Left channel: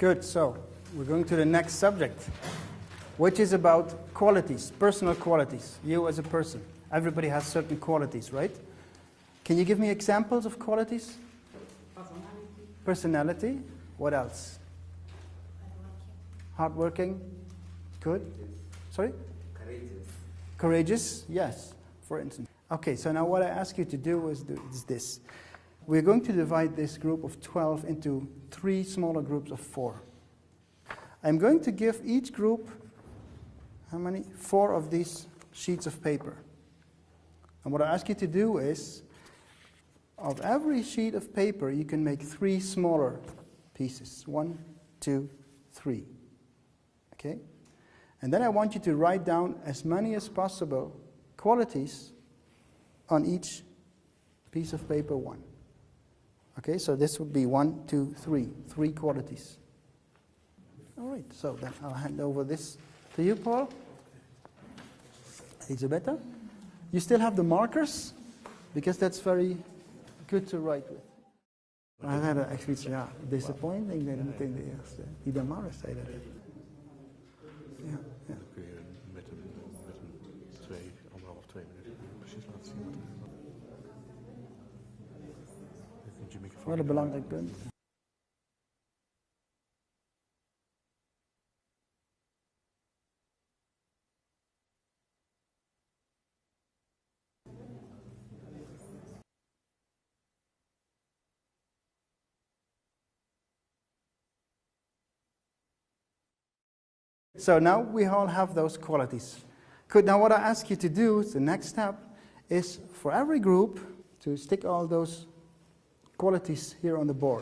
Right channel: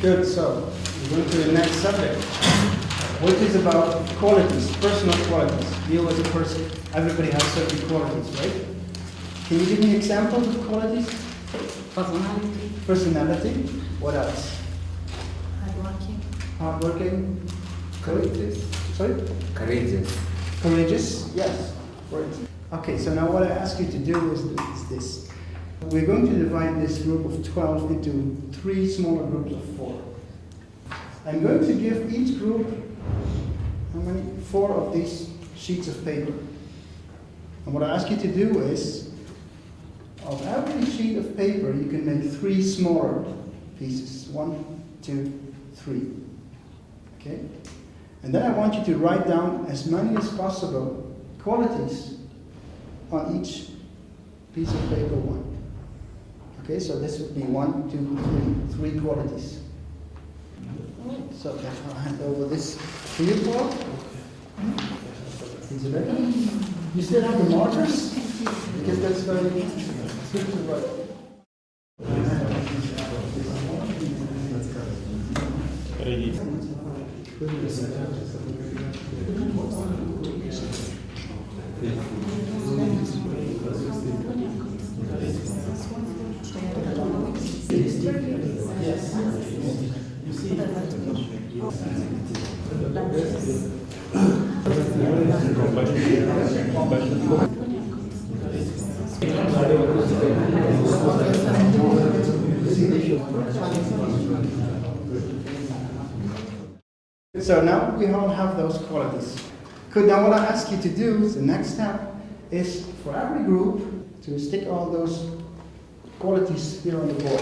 Good, so we're going to the next subject, which is about qualities, personal qualities. You as a person, everybody has certain qualities, right? Can you give me examples of qualities? Personality. Personality. What else? Hardworking. Hardworking. Courageous. Sorry? Courageous. Courageous. Yes. For instance. Okay, so now what I ask you to do is this. We're going to divide this group of 12 into 3 smaller groups of 4. I'm going to give each group, how many? 4 of these sheets of paper. And what I ask you to do is, of every sheet of paper, you can make 3 smaller pieces. 1, 2, 3. Okay? And then I want you to write down as many as possible qualities on each piece of paper 1. Okay, so this would be 1, 2, 3. 3 qualities. So I'll hand over this to you, Paul. Isabella? You still have the markers? Because that's very So now we all have those qualities. Good, now what I ask you to do, is the next step, is for every group to stick all those qualities here on the board.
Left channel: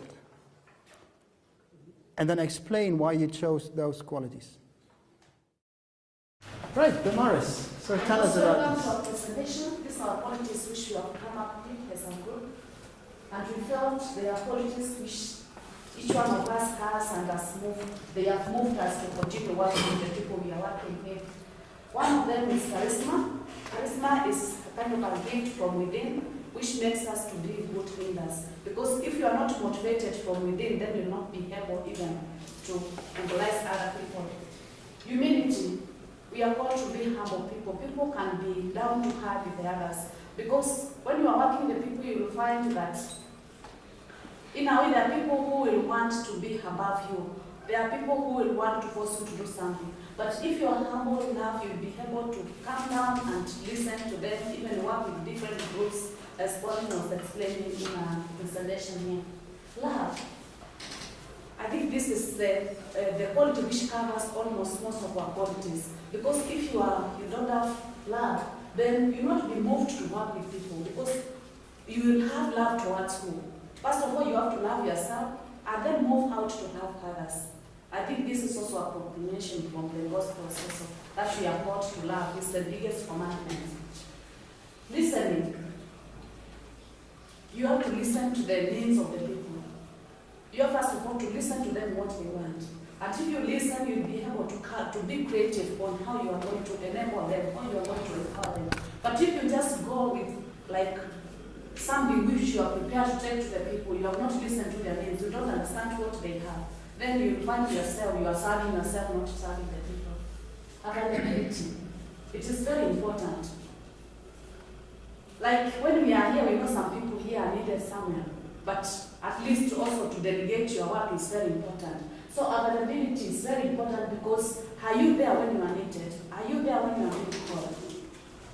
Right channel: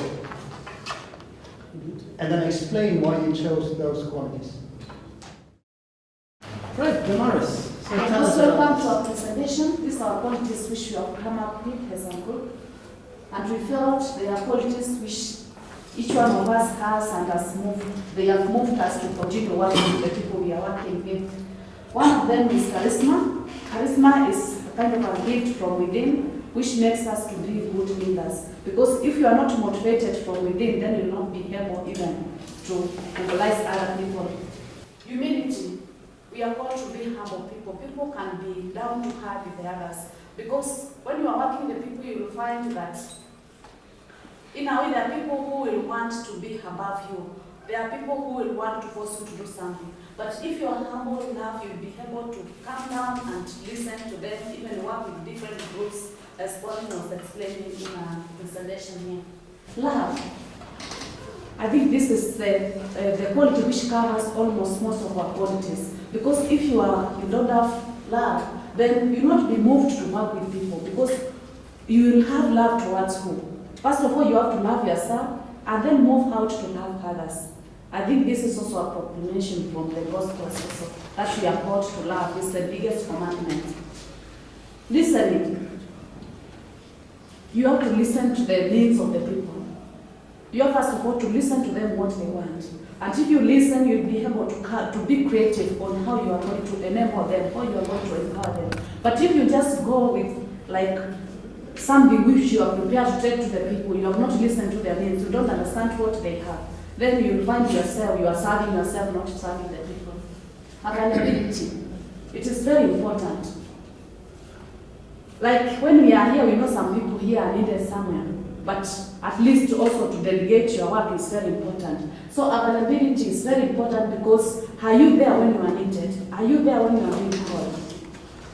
And then explain why you chose those qualities. Right, Damaris. So tell us Welcome about to our presentation. These are qualities which we have come up with as a group. And we felt they are qualities which each one of us has and has moved. They have moved us to continue working with the people we are working with. One of them is charisma. Charisma is a kind of a gift from within which makes us to be good leaders. Because if you are not motivated from within, then you will not be able even to mobilize other people. Humility. We are called to be humble people. People can be down to earth with the others. Because when you are working with people, you will find that in a way there are people who will want to be above you. There are people who will want to force you to do something. But if you are humble enough, you'll be able to come down and listen to them, even work with different groups, as Pauline was explaining in our presentation here. Love. I think this is the quality which covers almost most of our qualities. Because if you don't have love, then you will not be moved to work with people, because you will have love towards who? First of all, you have to love yourself and then move out to love others. I think this is also a proclamation from the gospel also, that we are called to love. It's the biggest commandment. Listening. You have to listen to the needs of the people. You have first of all to listen to them what they want. And if you listen, you'll be able to be creative on how you are going to enable them, how you are going to empower them. But if you just go with like something which you are prepared to take to the people, you have not listened to their needs, you don't understand what they have, then you will find yourself, you are serving yourself, not serving the people. Availability. It is very important. Like when we are here, we know some people here are needed somewhere, but at least also to delegate your work is very important. So availability is very important, because are you there when you are needed? Are you there when you are being called?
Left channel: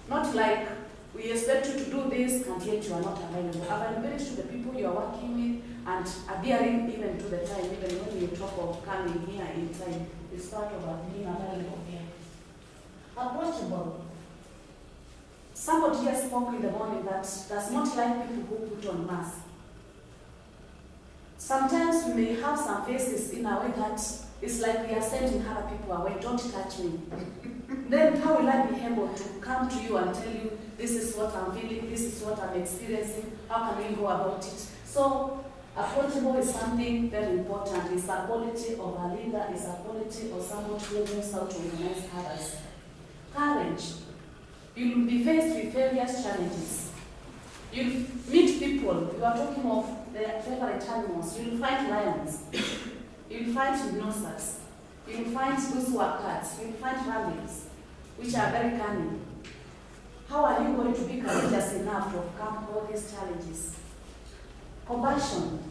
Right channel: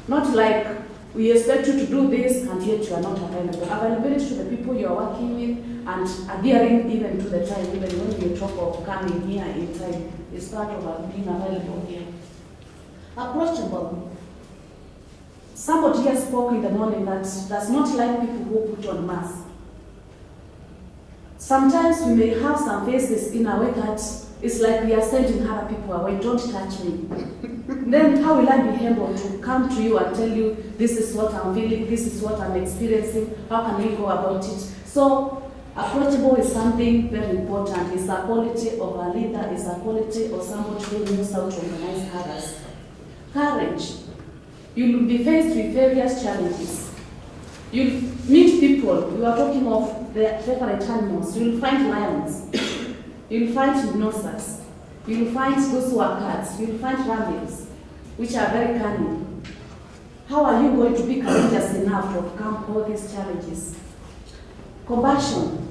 Not like we expect you to do this and yet you are not available. Availability to the people you are working with and adhering even to the time, even when you talk of coming here in time, is part of being available here. Approachable. Somebody here spoke in the morning that does not like people who put on masks. Sometimes we may have some faces in a way that it's like we are sending other people away, don't touch me. Then how will I be able to come to you and tell you, this is what I'm feeling, this is what I'm experiencing, how can we go about it? So approachable is something very important. It's a quality of a leader, it's a quality of somebody who knows how to organize others. Courage. You will be faced with various challenges. You'll meet people, you are talking of the favorite animals, you'll find lions. You'll find hypnosis. You'll find those who are cards. You'll find rabbits, which are very cunning. How are you going to be courageous enough to overcome all these challenges? Compassion.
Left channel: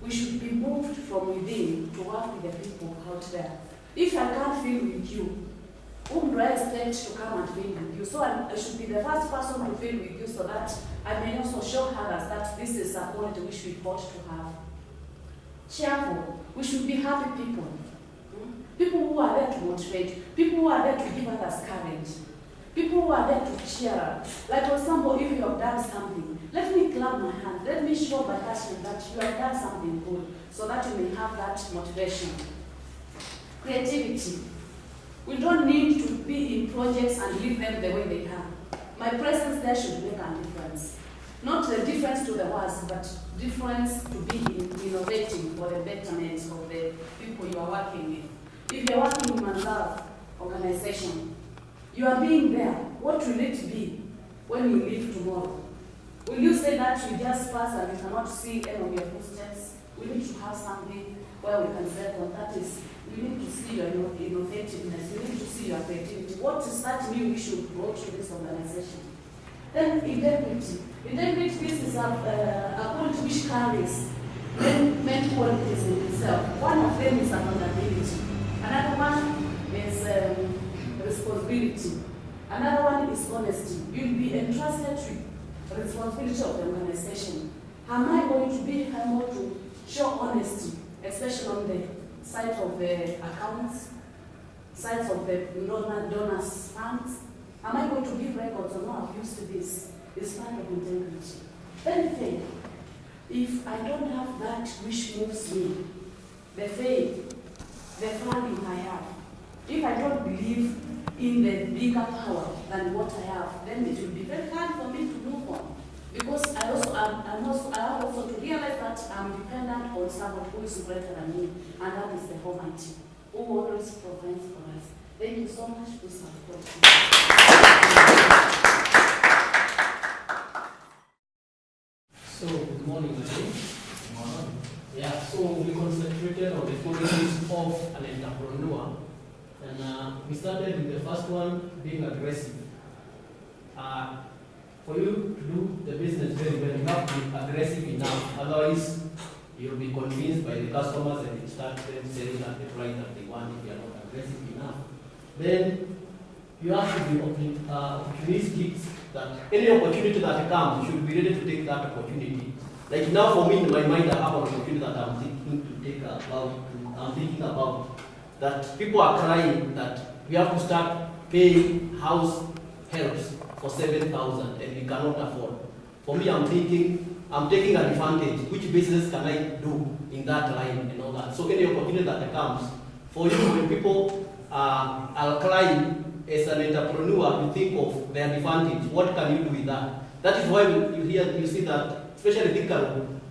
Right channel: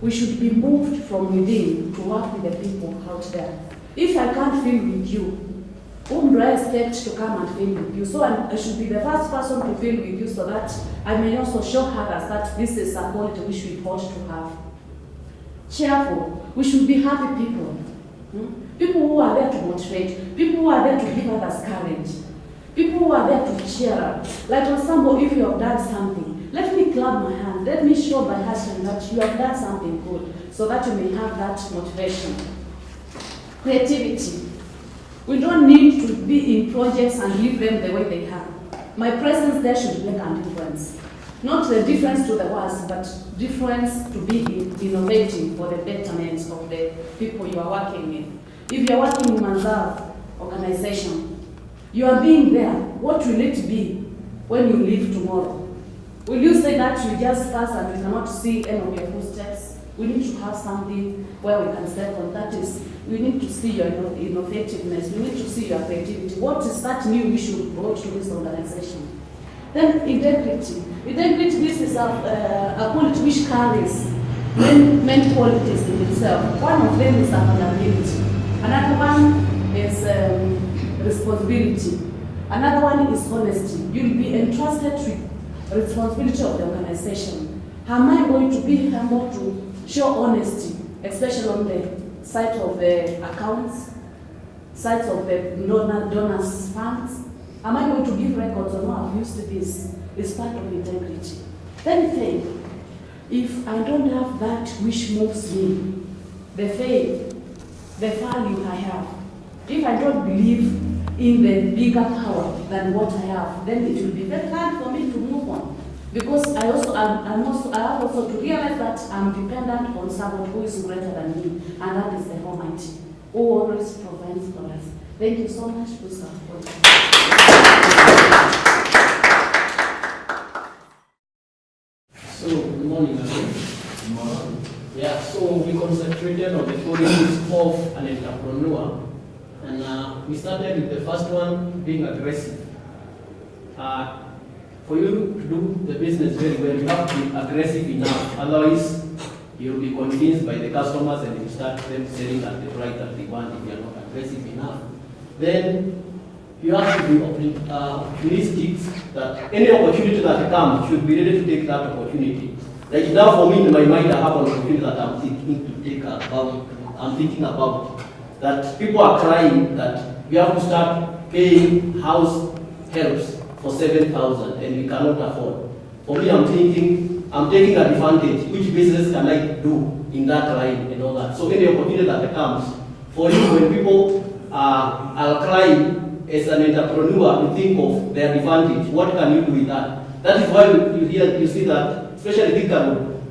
We should be moved from within to work with the people out there. If I can't feel with you, whom do I expect to come and feel with you? So I should be the first person to feel with you so that I may also show others that this is a quality which we ought to have. Cheerful. We should be happy people. People who are there to motivate. People who are there to give others courage. People who are there to cheer up. Like for example, if you have done something, let me clap my hands. Let me show by action that you have done something good so that you may have that motivation. Creativity. We don't need to be in projects and leave them the way they are. My presence there should make a difference. Not the difference to the worst, but difference to be innovating for the betterment of the people you are working with. If you are working in Manzaro organization, you are being there. What will it be when you leave tomorrow? Will you say that you just pass and you cannot see any of your footsteps? We need to have something where we can say, well, that is, we need to see your innovativeness, we need to see your creativity. What is that new we should brought to this organization? Then integrity. Integrity, this is a quality which carries many qualities in itself. One of them is accountability. Another one is responsibility. Another one is honesty. You'll be entrusted with responsibility of the organization. Am I going to be able to show honesty, especially on the side of the accounts, sides of the donors' funds? Am I going to give records or not? I've used this. It's part of integrity. Then faith. If I don't have that which moves me, the faith, the value I have, if I don't believe in the bigger power than what I have, then it will be very hard for me to move on. Because I have also to realize that I'm dependent on someone who is greater than me, and that is the Almighty, who always provides for us. Thank you so much for supporting. So, good morning again. Good morning. Yeah, so we concentrated on the qualities of an entrepreneur, and we started with the first one, being aggressive. For you to do the business very well, you have to be aggressive enough. Otherwise, you'll be convinced by the customers and you start them selling at the price that they want if you are not aggressive enough. Then you have to be opportunistic, that any opportunity that comes, should be ready to take that opportunity. Like now for me, in my mind, I have an opportunity that I'm thinking about, that people are crying that we have to start paying house helps for 7,000 and we cannot afford. For me, I'm taking advantage. Which business can I do in that line and all that? So any opportunity that comes, for you, when people are crying as an entrepreneur, you think of their advantage. What can you do with that? That is why you see that, especially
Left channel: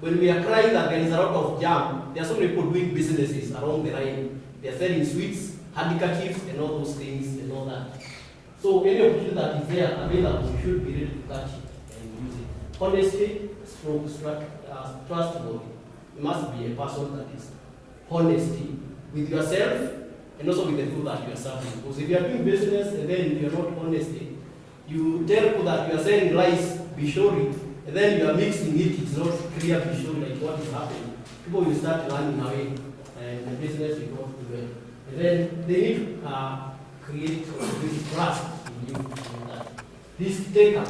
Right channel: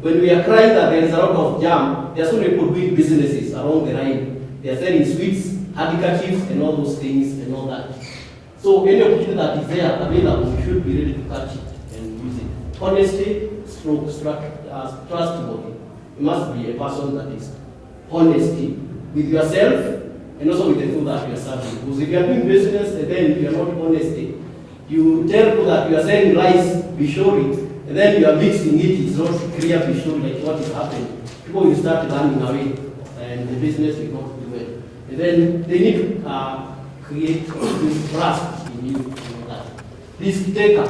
when we are crying that there is a lot of jam, there are so many people doing businesses along the line. They are selling sweets, handkerchiefs, and all those things and all that. So any opportunity that is there available, you should be ready to catch it and use it. Honesty, trustworthy. You must be a person that is honesty with yourself and also with the people that you are serving. Because if you are doing business and then you are not honest, you tell people that you are selling rice, be sure it, and then you are mixing it, it's not clear, be sure like what is happening. People will start running away and the business will not do well. And then they need to create this trust in you. Risk taker.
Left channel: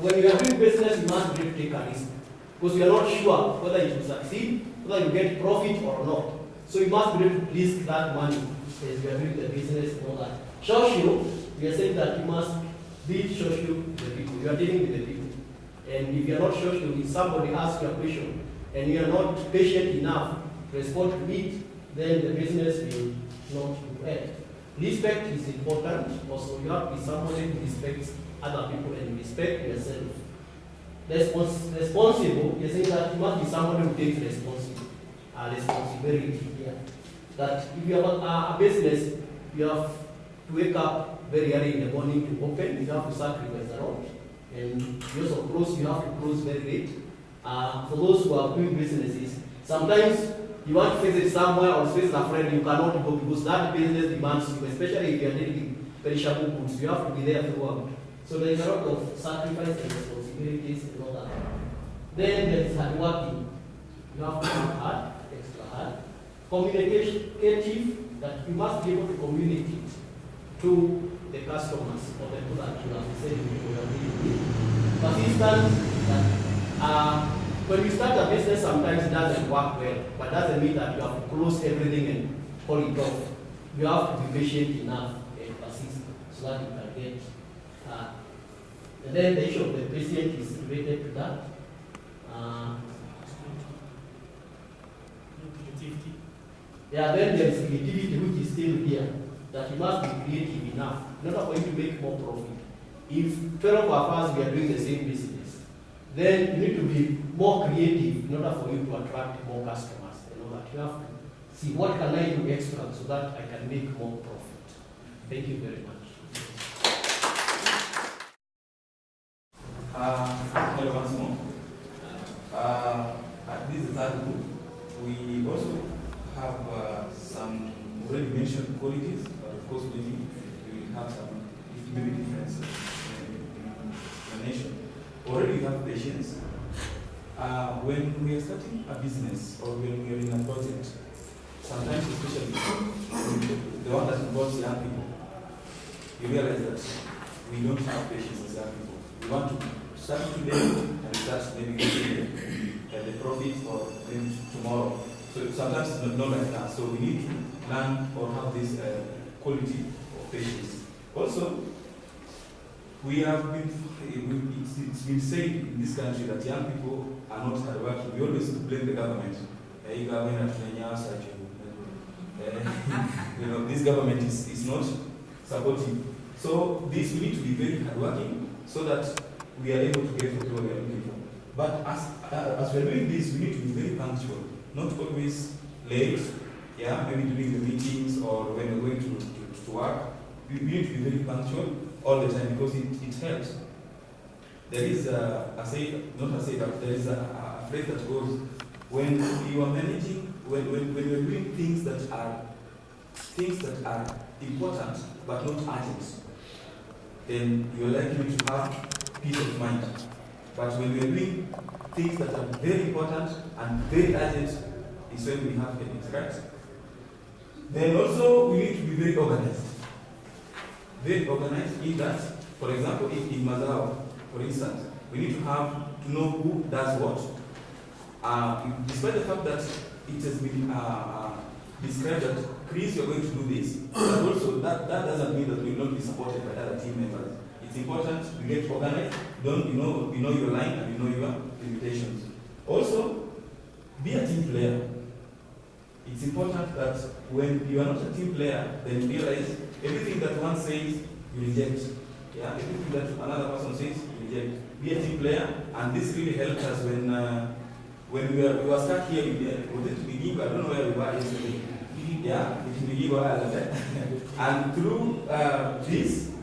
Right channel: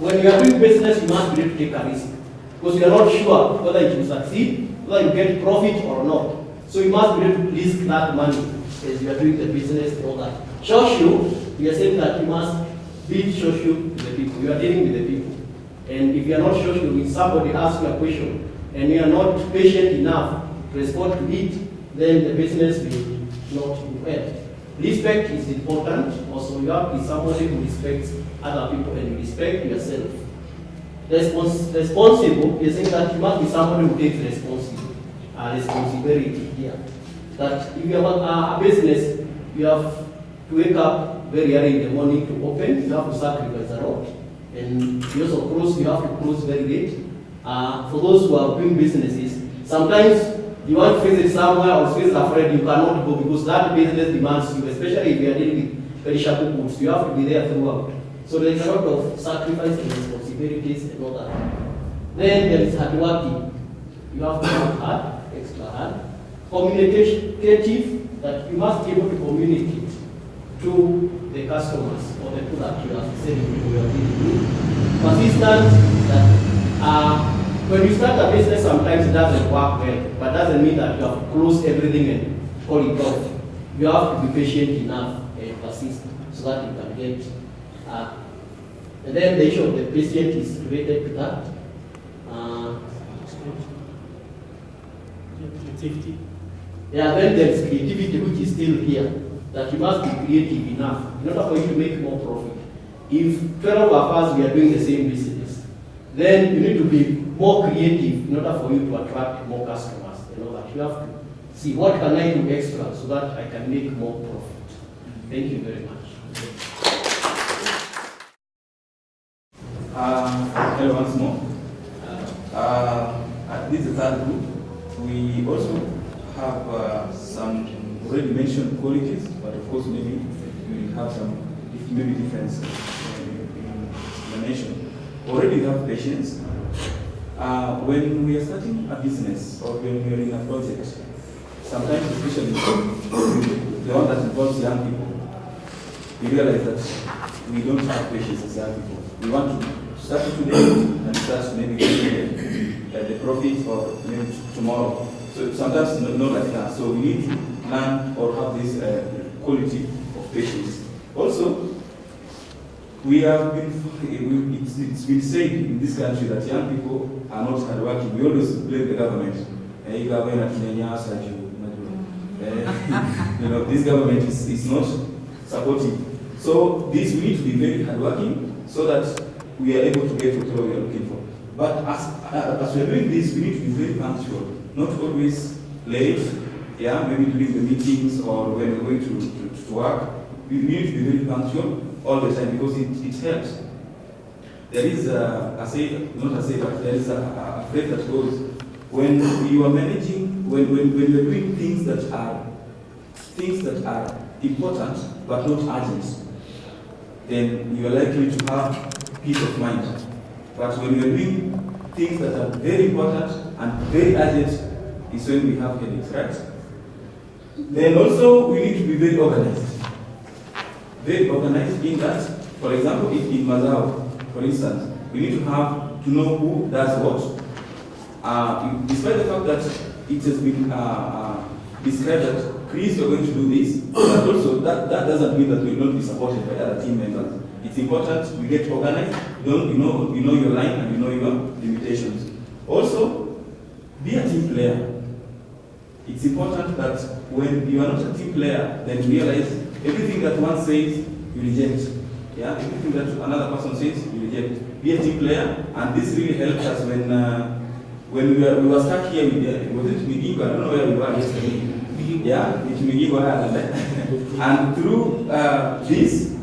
When you are doing business, you must be ready to take a risk. Because you are not sure whether it will succeed, whether you get profit or not. So you must be ready to risk that money as you are doing the business and all that. Social, we are saying that you must be social with the people. You are dealing with the people. And if you are not social, if somebody asks you a question and you are not patient enough to respond to it, then the business will not do well. Respect is important. Also, you have to be somebody who respects other people and respect yourself. Responsible is saying that you must be somebody who takes responsibility here. That if you have a business, you have to wake up very early in the morning to open, you have to sacrifice a lot. And you also you have to close very late. For those who are doing businesses, sometimes You want to visit somewhere or visit a friend, you cannot go because that business demands you, especially if you are dealing with perishable goods. You have to be there throughout. So there is a lot of sacrifice and responsibilities and all that. Then there is hard working. You have to work hard, extra hard. Communicative, that you must be able to communicate to the customers or the people that you are selling to your dealing with. Persistent, that when you start a business, sometimes it doesn't work well, but doesn't mean that you have to close everything and call it off. You have to be patient enough and persist so that you can get. And then the issue of the patient is related to that. Yeah, then there is creativity, which is still here. That you must be creative enough in order for you to make more profit. If 12 of us we are doing the same business, then you need to be more creative in order for you to attract more customers. You know, that you have to see what can I do extra so that I can make more profit. Thank you very much. Hello once more. This is the third group. We also have some already mentioned qualities, but of course maybe we will have some maybe differences in the nation. Already we have patience. When we are starting a business or when we are in a project, sometimes especially the one that involves young people, we realize that we don't have patience as young people. We want to start today and start maybe getting the profit or maybe tomorrow. So sometimes not like that. So we need to learn or have this quality of patience. Also, we have been, it's been said in this country that young people are not hardworking. We always blame the government. You know, this government is not supportive. So this we need to be very hardworking so that we are able to get what we are looking for. But as we're doing this, we need to be very punctual, not always late. Yeah, maybe during the meetings or when we're going to work, we need to be very punctual all the time because it helps. There is a say, not a say, but there is a phrase that goes, when you are managing, when you are doing things that are important but not urgent, then you are likely to have peace of mind. But when we are doing things that are very important and very urgent, is when we have headaches, right? Then also we need to be very organized. Very organized in that, for example, if in Mazao, for instance, we need to know who does what. Despite the fact that it has been described that Chris, you're going to do this, but also that doesn't mean that we will not be supported by other team members. It's important we get organized, you know your line and you know your limitations. Also, be a team player. It's important that when you are not a team player, then you realize everything that one says, you reject. Yeah, everything that another person says, you reject. Be a team player, and this really helped us when we were stuck here with was it Migigo? I don't know where we were yesterday. Yeah, it's Migigo and through this,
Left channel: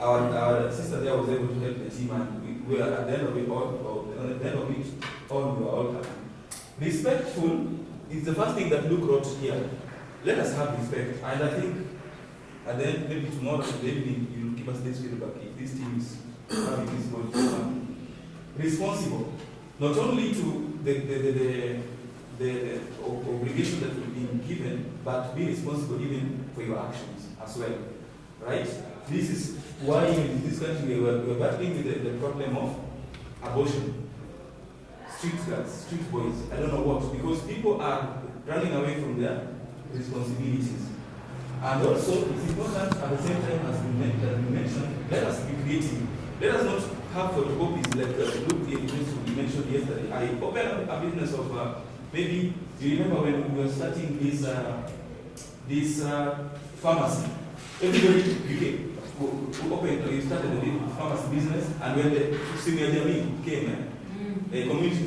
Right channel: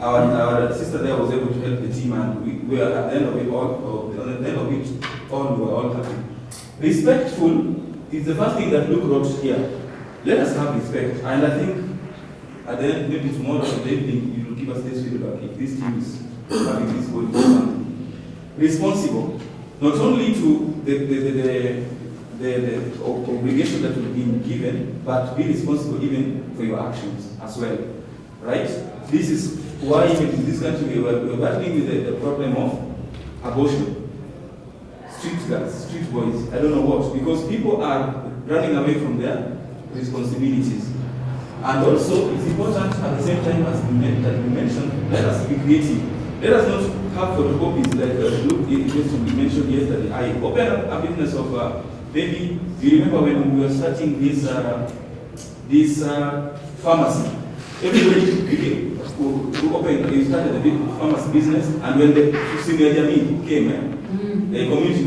our sister there was able to help the team, and we are at the end of it all. At the end of it all, we were all happy. Respectful is the first thing that Luke wrote here. Let us have respect, and I think at the end, maybe tomorrow or the evening, you will give us this feedback if this team is having this quality. Responsible, not only to the obligation that will be given, but be responsible even for your actions as well, right? This is why in this country we're battling with the problem of abortion. Street girls, street boys, I don't know what, because people are running away from their responsibilities. And also, it's important at the same time as we mentioned, let us be creative. Let us not have photocopies like Luke mentioned yesterday. I opened a business of maybe, do you remember when we were starting this pharmacy? Everybody who opened, we started a big pharmacy business, and when the senior Jamie came, the community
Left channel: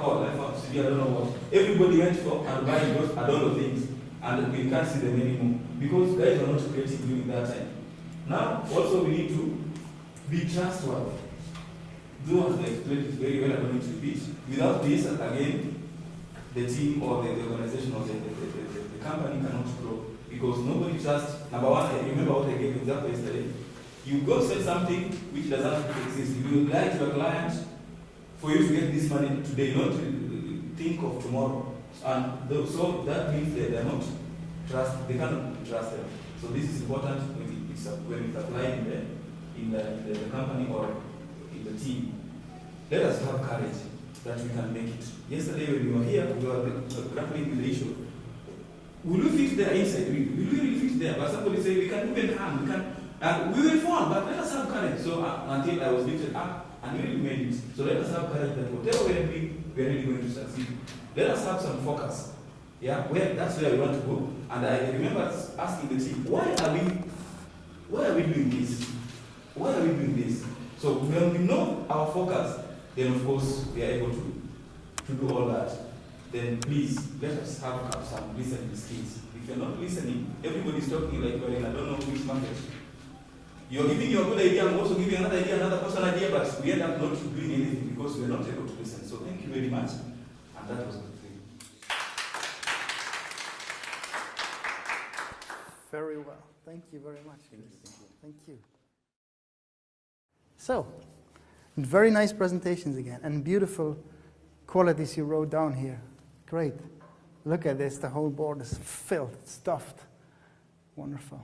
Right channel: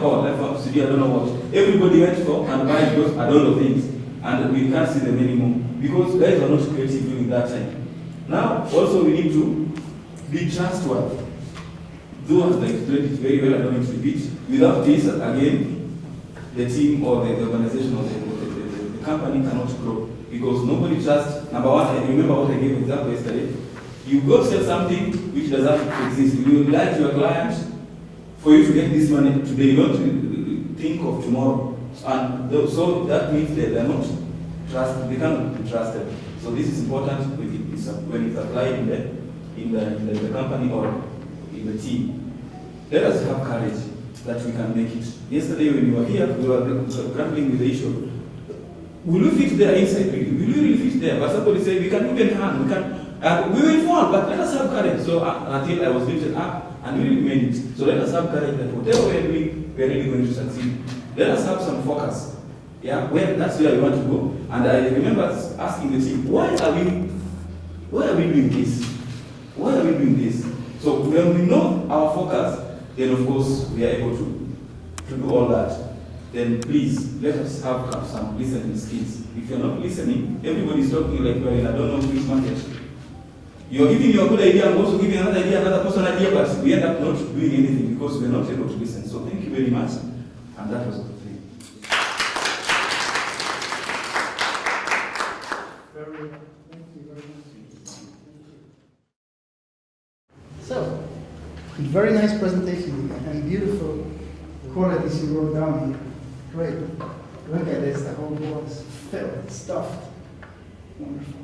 called, I don't know what, everybody went for and buying those adult things, and we can't see them anymore because guys are not creative during that time. Now, also we need to be trustworthy. Though as I explained it very well, I don't need to repeat. Without this, again, the team or the organization or the company cannot grow. Because nobody trusts, number one, I remember what I gave example yesterday. You go sell something which doesn't exist. You lie to your client for you to get this money today. You don't think of tomorrow. And so that means that they cannot be trusted. So this is important when it's applied in the company or in the team. Let us have courage that we can make it. Yesterday when you were here, we were grappling with the issue. Will we fit there inside? Will we really fit there? But somebody said we can even hang, we will fall, but let us have courage. So until I was lifted up and we remained it. So let us have courage that whatever we are doing, we are really going to succeed. Let us have some focus. Yeah, that's where we want to go. And I remember asking the team, why are we doing this? Why are we doing this? So when we know our focus, then of course we are able to do all that. Then please let us have some listening skills. If you're not listening, everybody is talking like well, I don't know which market. You're giving your good idea and also giving another idea, another person idea, but we end up not doing anything because we're not able to listen. So thank you very much. And that was the thing. Very well. Thank you very much. Thank you. So, very nice presentation again, and beautiful qualities you wrote down here. Great. Look at this, the whole board is filled, it's stuffed. Wonderful.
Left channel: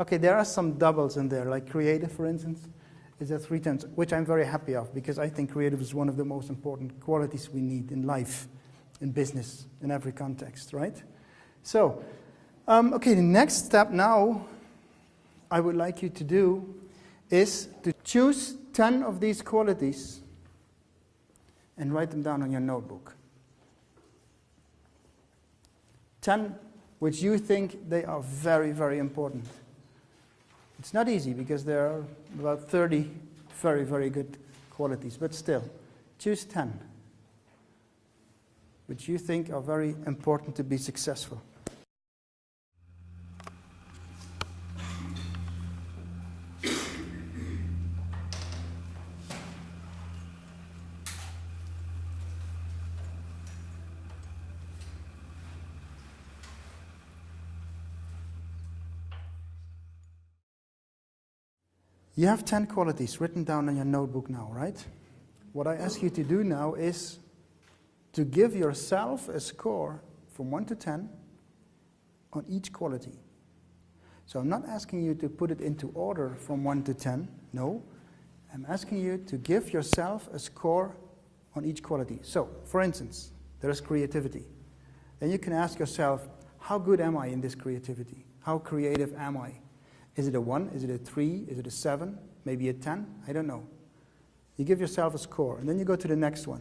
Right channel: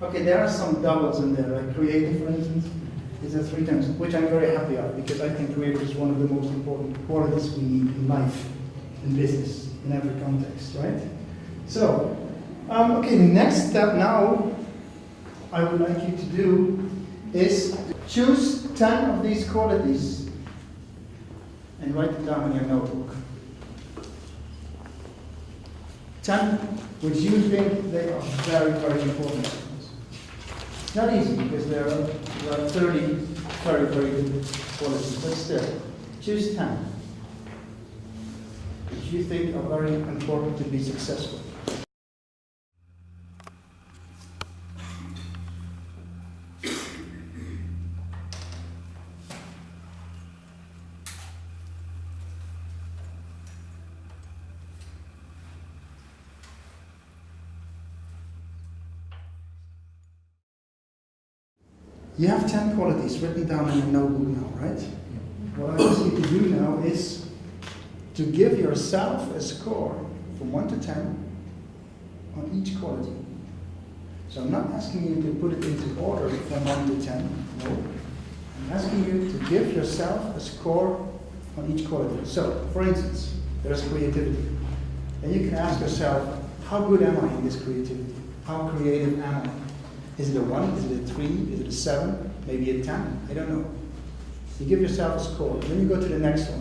Okay, there are some doubles in there, like creative, for instance. These are 3 times, which I'm very happy of, because I think creative is one of the most important qualities we need in life, in business, in every context, right? So, okay, the next step now I would like you to do is to choose 10 of these qualities and write them down in your notebook. 10 which you think they are very, very important. It's not easy because there are about 30 very, very good qualities, but still, choose 10 which you think are very important to be successful. You have 10 qualities written down in your notebook now, right? What I ask you to do now is to give yourself a score from 1 to 10 on each quality. So I'm not asking you to put it into order from 1 to 10, no. I'm asking you to give yourself a score on each quality. So, for instance, there's creativity. And you can ask yourself, how good am I in this creativity? How creative am I? Is it a 1? Is it a 3? Is it a 7? Maybe a 10? I don't know. You give yourself a score, and then you go to the next one.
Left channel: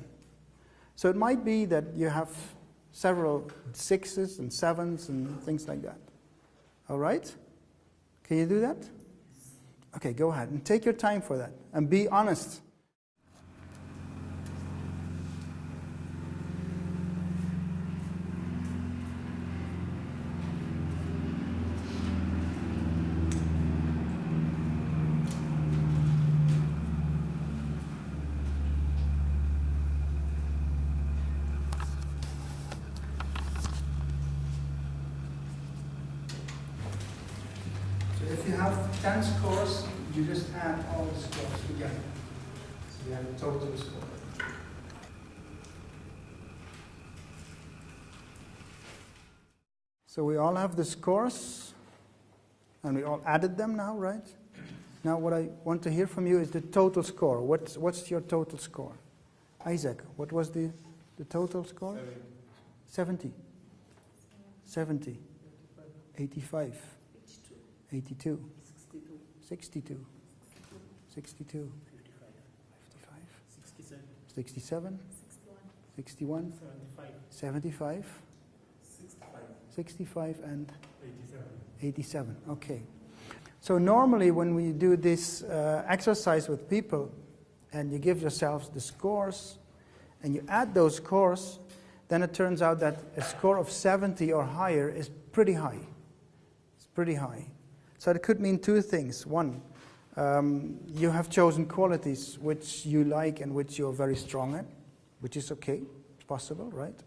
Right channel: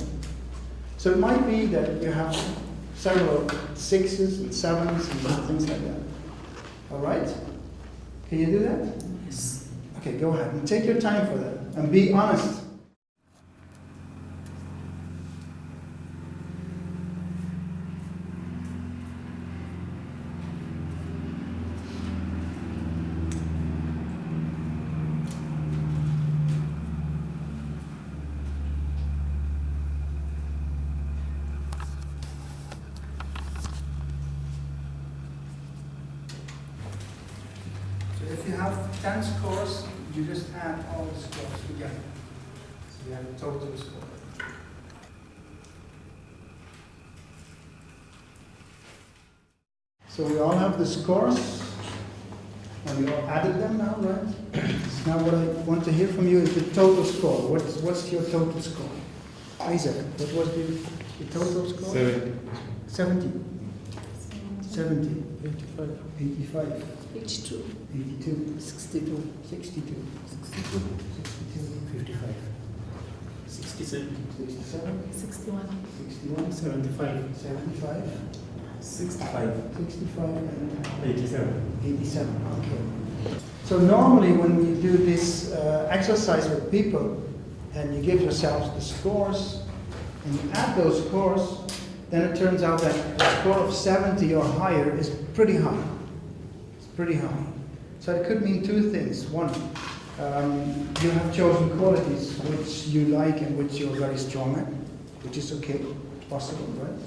So it might be that you have several 6s and 7s and things like that. All right? Can you do that? Yes. Okay, go ahead and take your time for that and be honest. If you have 10 scores, you just add all the scores together. So you have a total score. So we all have the scores, and we all added them now, right? Now what I want to hear from you is the total score. What's your total score? Isaac, what was the total score? 70. 70. 85. 82. 82, 62, 62, 62, 62, 55, 67, 67, 61. 61, 75, 75, 65. 65, and 87. 87. Okay. So normally when we do this exercise with people, and you give yourselves the scores, and you add those scores, then it turns out that a score of 70 or higher is pretty high. It's pretty high. So it could mean 2 things. One, you have chosen qualities which you like and which you're very strong at, which is okay, it's possible, right?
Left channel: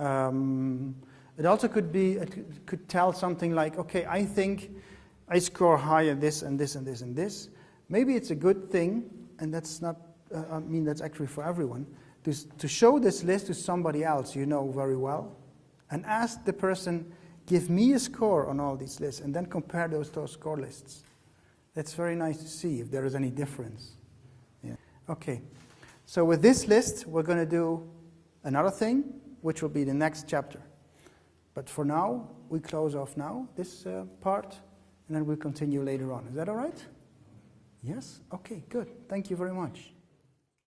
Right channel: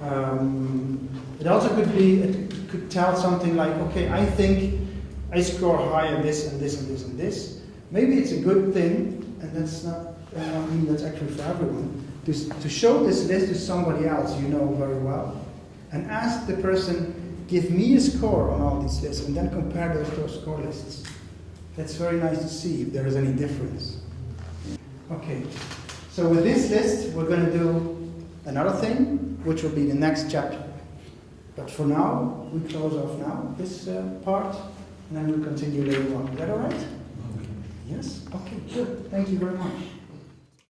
It also could be, it could tell something like, okay, I think I score high in this and this and this and this. Maybe it's a good thing, and that's not, that's actually for everyone, to show this list to somebody else you know very well, and ask the person, give me a score on all these lists, and then compare those score lists. That's very nice to see if there is any difference. Okay, so with this list, we're going to do another thing, which will be the next chapter. But for now, we close off now, this part, and then we'll continue later on. Is that all right? Yes? Okay, good. Thank you very much.